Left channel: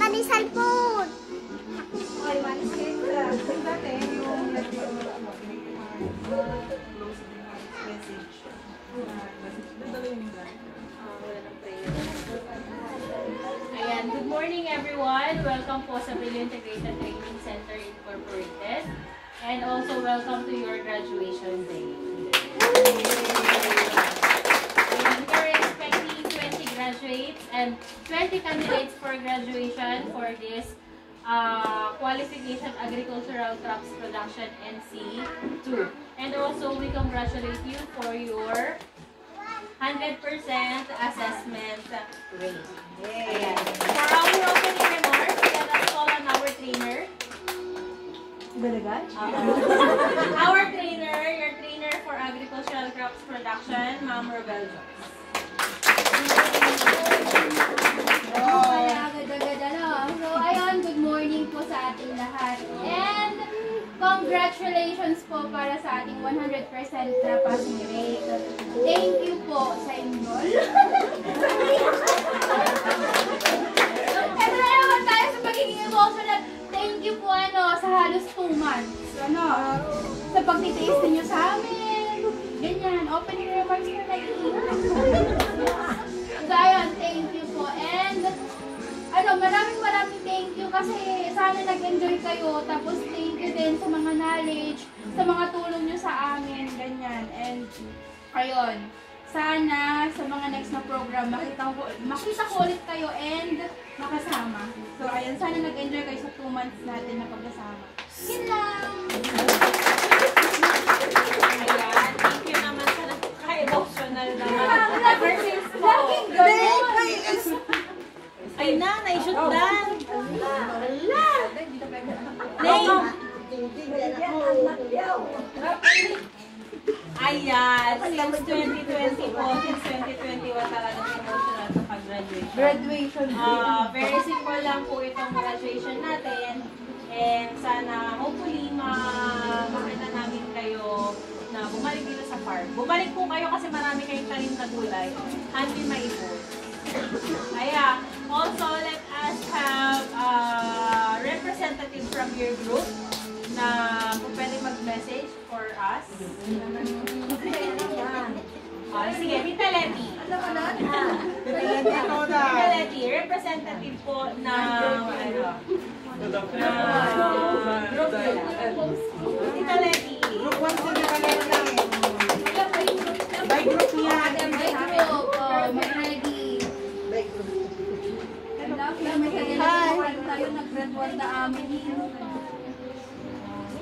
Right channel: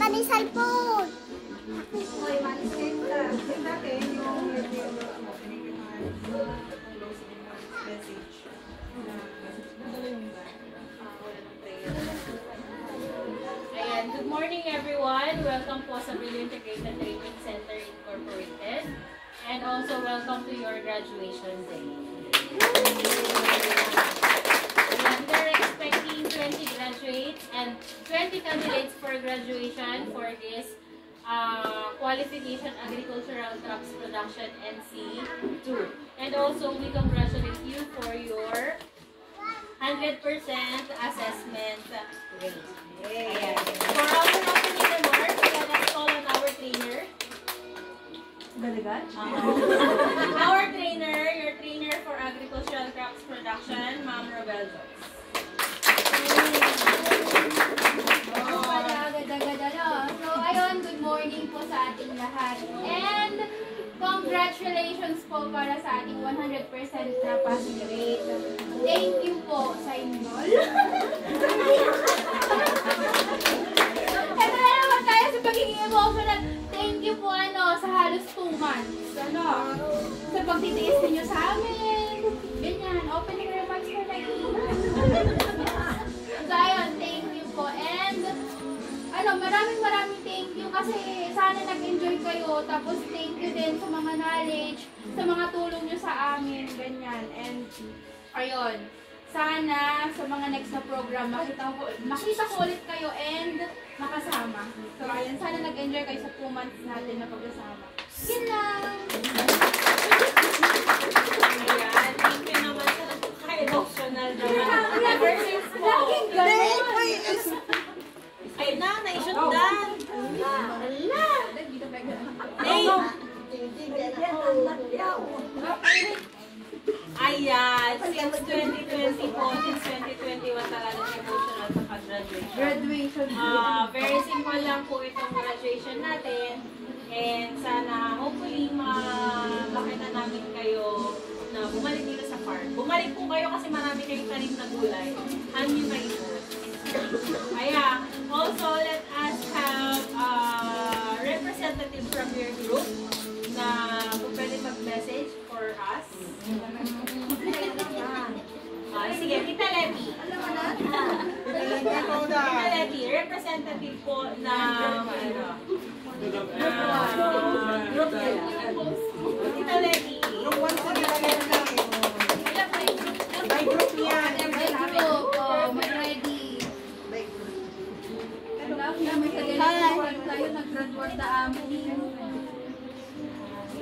Tani cellphone. Oy, manis kayo lang. Tingnan natin yung message. Ayan, good morning everyone. Welcome po sa Brilliant Integrated Training Center Incorporated. And also welcome to your graduation day. And we're expecting 20 graduates and 20 candidates for graduation for this qualification agricultural crops production NC2. And also we congratulate you for your 100% assessment rate. Ayan. For our opening remarks, let us call on our trainer. Our trainer, your trainer for agricultural crops production, Ma'am Robel Jones. So, ayun, good morning po sa ating lahat. And congratulations po para sa ating 100% na passing rate. Thank you po sa inyo. Ito na naman tayo sa pagiging emotional. Thank you po sa halos 2 months. Sa pagtitiis ninyo sa amin. Ganyan, opening remarks for like So, ayun, thank you po. And, maraming thank you kasi sana nag-enjoy kayo. Tapos, thank you din sa mga knowledge, sa mga tulong nyo sa amin, ganyan. And, ayun, sana sa mga next na program, makita ko ulit kayo and makasama. So, ayun, sana nag-enjoy kayo sa 2 months natin na pagkasama. Yun lang! Ayan, thank you naman sa napaka-emotional naman. Ever since po. Ay na, naisot na. Ayan, since 2020 po, since 2021 talagang emotional sa pag-graduation. Very simple lang po itong graduation natin. And sana, hopefully, makita namin kayo na bumalik dito sa farm. Bumalik po kayo kasi marami kayong tanim na gulay. Hindi maipos. Ayan. Also, let us have a representative from your group na kung pwede mag-message for us. Sige, Tita Letty. Tita Letty, representative po na group nila. Tita Letty. Group 1 sa Tita Letty. By group niya. Hi! Nag-graduate na amin.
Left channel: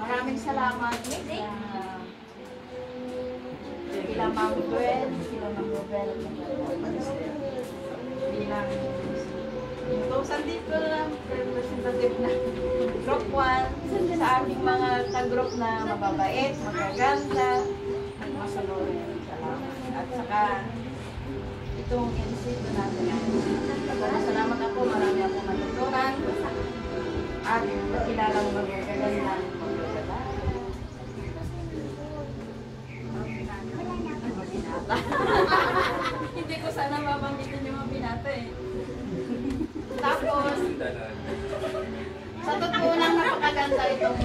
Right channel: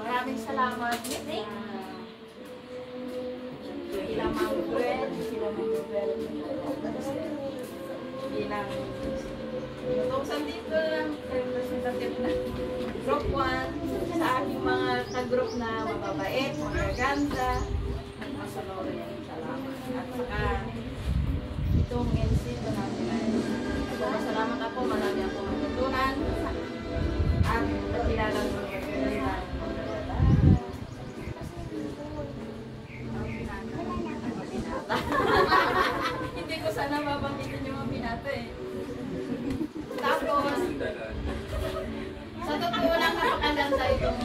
Maraming salamat. Sila Ma'am Gwen, sila Ma'am Robel. Bilang itong sa dito na representative na group 1 sa aming mga ka-group na mababait, magaganda, masunurin. Salamat. At saka itong NC2 natin. Salamat ako, marami akong natutunan at pakilalang magaganda. maganda itong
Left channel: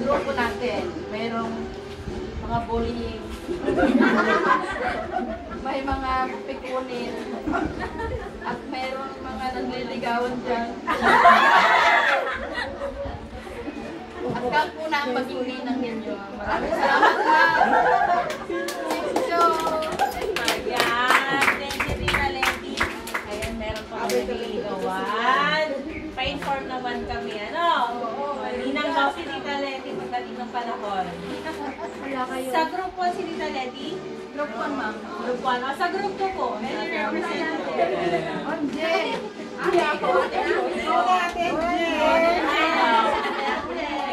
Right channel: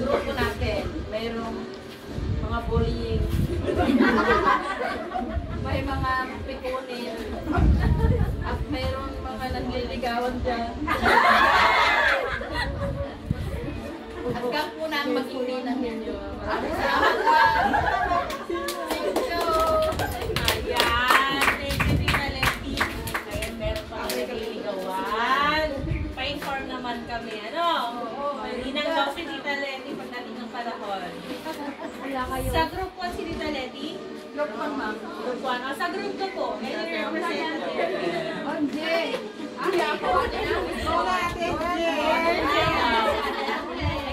grupo natin. Merong mga bullying. May mga pikunin. At merong mga nagliligawan dyan. At kang po na ang maging ninang ninyo. Maraming salamat po. Thank you. Ayan, thank you Tita Letty. Ayan, meron pa kami nagliligawan. Pa-inform naman kami, ano? Ninang daw si Tita Letty pagdating ng panahon. Wala kayo. Sa group 1 si Tita Letty? Group 1, ma'am. Group 1. O, sa group 2 po. Any representative?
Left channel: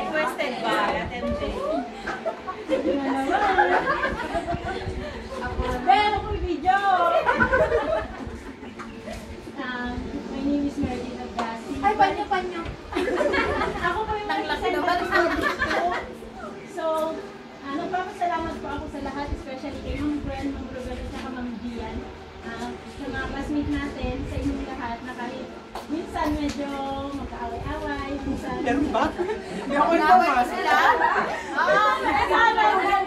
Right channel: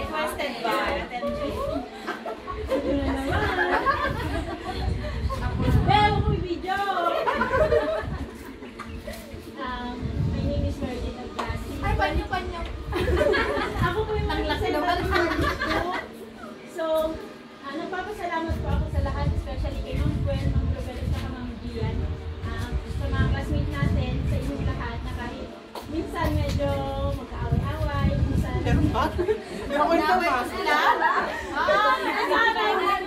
Requested by MJ. Bel, ako video! My name is Meredith Agasi. Ay, panyo-panyo. Ako po yung Naglaki naman. So, nagpapasalamat po ako sa lahat, especially kay Ma'am Gwen, Ma'am Roberto, at Ma'am Gian. Sa mga classmates natin, sa inyong lahat, na kahit minsan medyo magkaaway-away, minsan... Meron ba? Hindi ako Naway sila.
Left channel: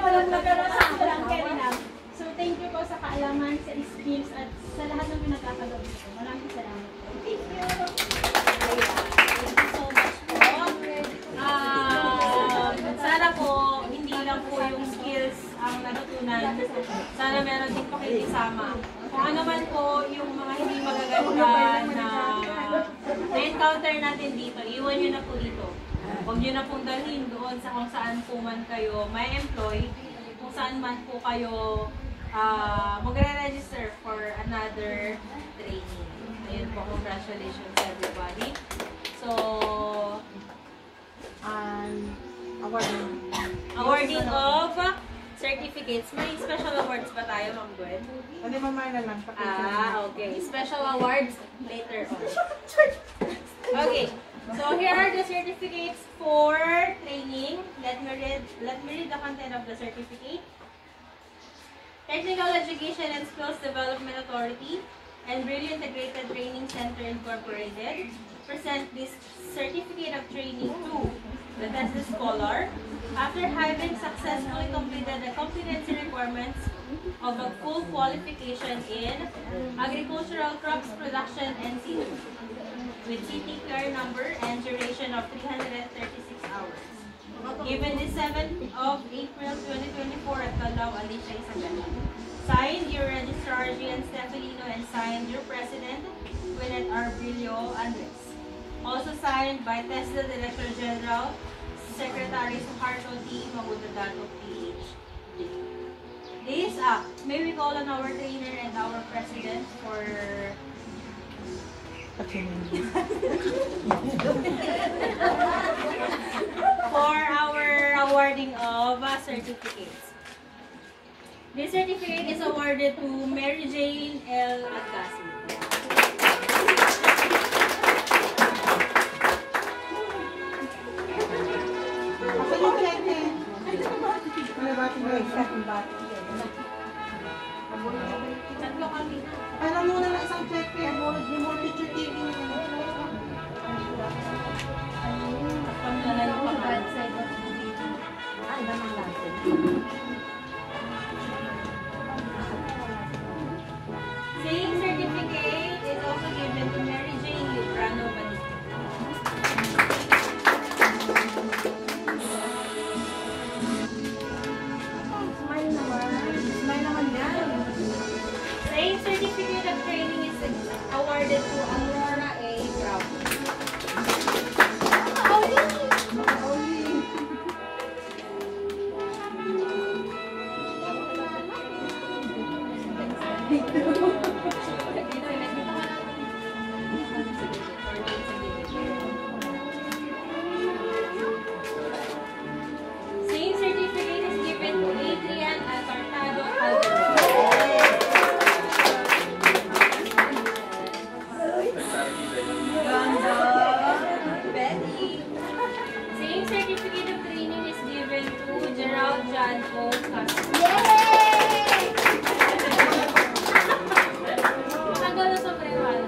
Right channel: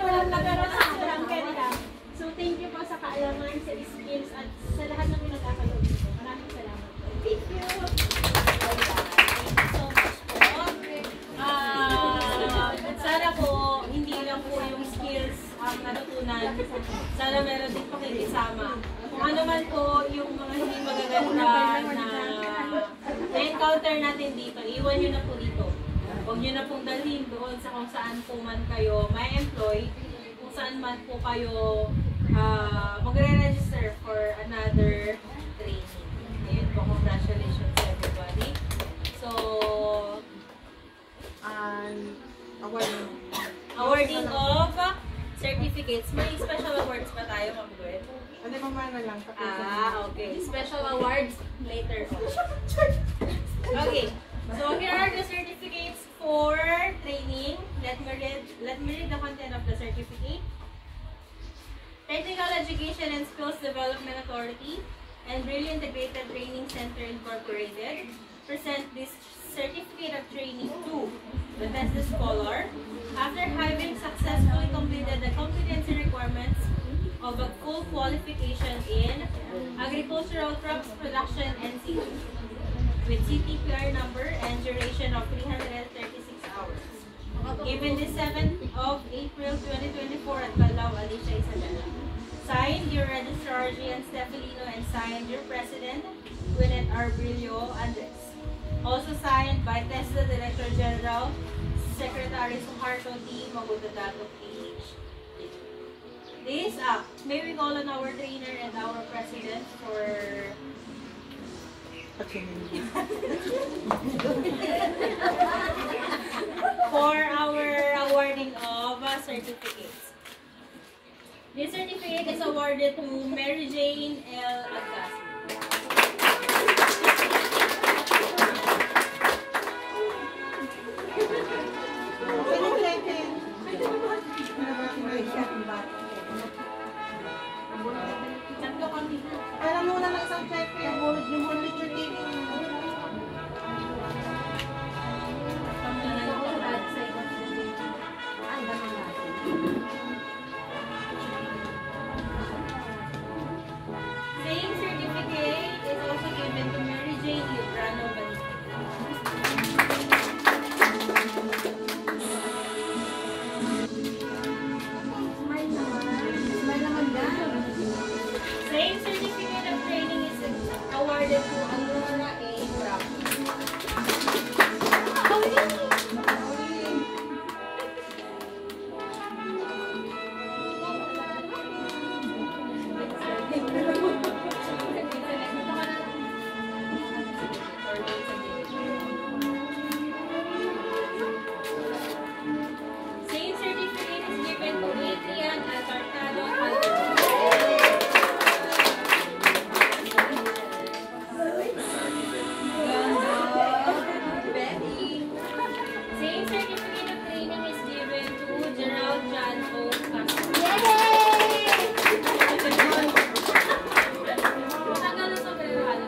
Walang carry lang. So, thank you po sa kaalaman, sa skills, at sa lahat ng pinagkakalob ko. Maraming salamat po. Thank you! Thank you so much po. Sana po, hindi lang po yung skills ang natutunan. Sana meron din pakikisama. Kung ano man po yung mga hindi magaganda na na-encounter natin dito, iwan nyo na po dito. Huwag nyo na pong dalhin doon sa kung saan po man kayo may employ, kung saan man po kayo magre-register for another training. Ayun po, congratulations everybody. So, awarding of certificates. May special awards ba tayo, Ma'am Gwen? Ano mamaya na lang? Okay. Special awards later on. Okay. So here are the certificates for training. Let me read the content of the certificate. Technical Education and Skills Development Authority and Brilliant Integrated Training Center Incorporated present this certificate of training to the Tesla Scholar after having successfully completed the competency requirements of a full qualification in agricultural crops production and seafood with CTQR number and duration of 336 hours. Given the 7th of April 2024 at Balao, Alicia Isabela. Signed your Registrar Gian Stephelino and signed your President, Gwyneth R. Brillo Andres. Also signed by TESDA Director General, Secretary Suharto T. Magudadato PhD. This may we call on our trainer and our president for our awarding of certificates. This certificate is awarded to Mary Jane L. Agasi. Tatlo kami. Parang nung lang isang check yung picture TV. Same certificate is also given to Mary Jane Librano Benito. Same certificate of training is awarded to Alora A. Bravo. Same certificate is given to Adrian Alpartado Betty. Same certificate of training is given to Gerald John O. Castro. Tagal na sa prewala.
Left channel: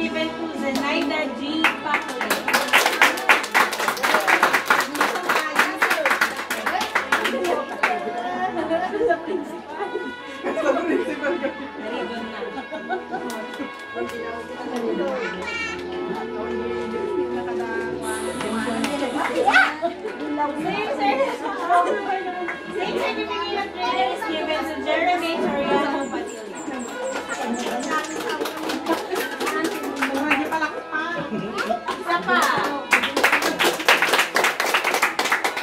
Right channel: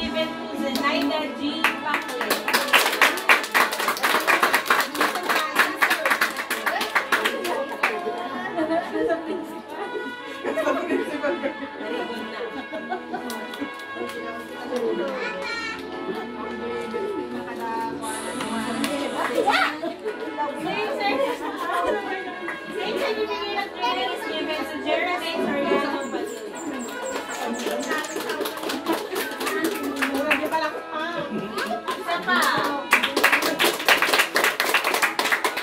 given to Zenaida G. Paclay. Same certificate of training is given to Jeremy Soriano Padilla. Hindi pala ko pa. Isa pa.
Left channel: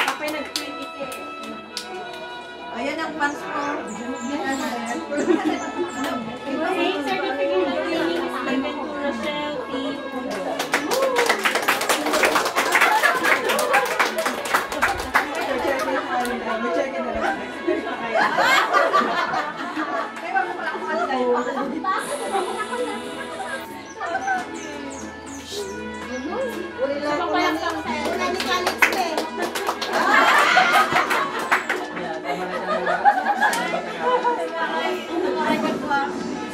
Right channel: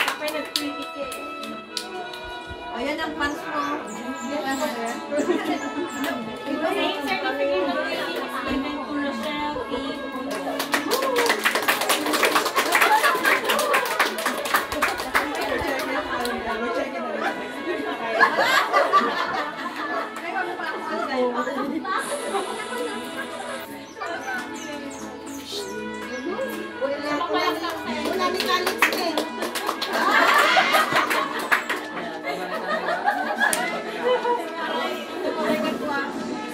Kapag nag-critic eh. Ayan ang fans ko. Same certificate of training is given to Rochelle E. Punto.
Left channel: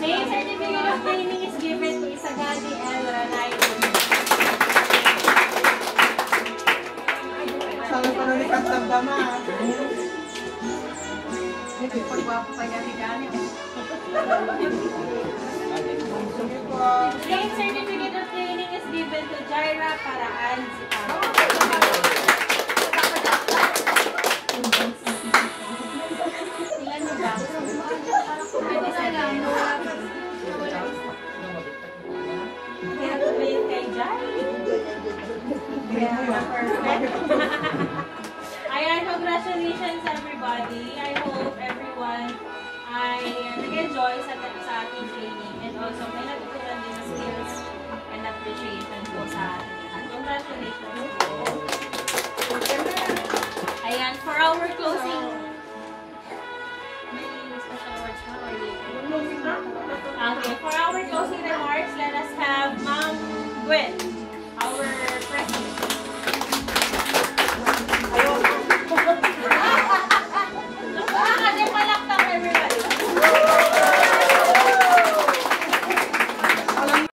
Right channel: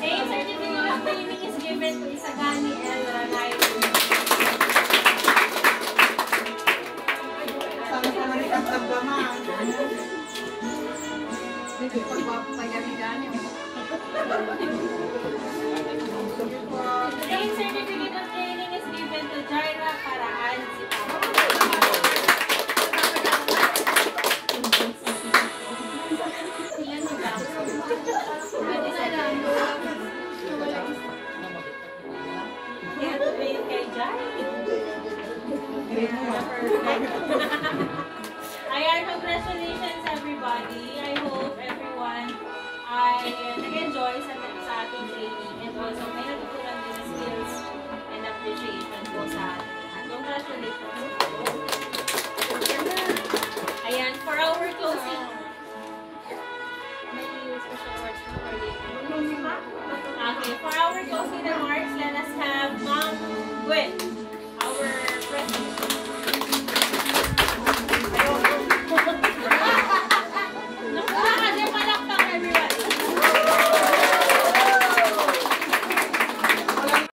Same certificate of training is given to Isagani L. Ranayo. Sana pa na likat ng dama. Same certificate of training is given to Jaira Paraan Zipano. Ayan, congratulations everybody. I hope everyone ay nag-enjoy sa ating training and also may natutunan din skills and appreciation po sa ating lahat. Congratulations. Ayan, for our closing. May special words na or okay, for our closing remarks, let us have Ma'am Gwen.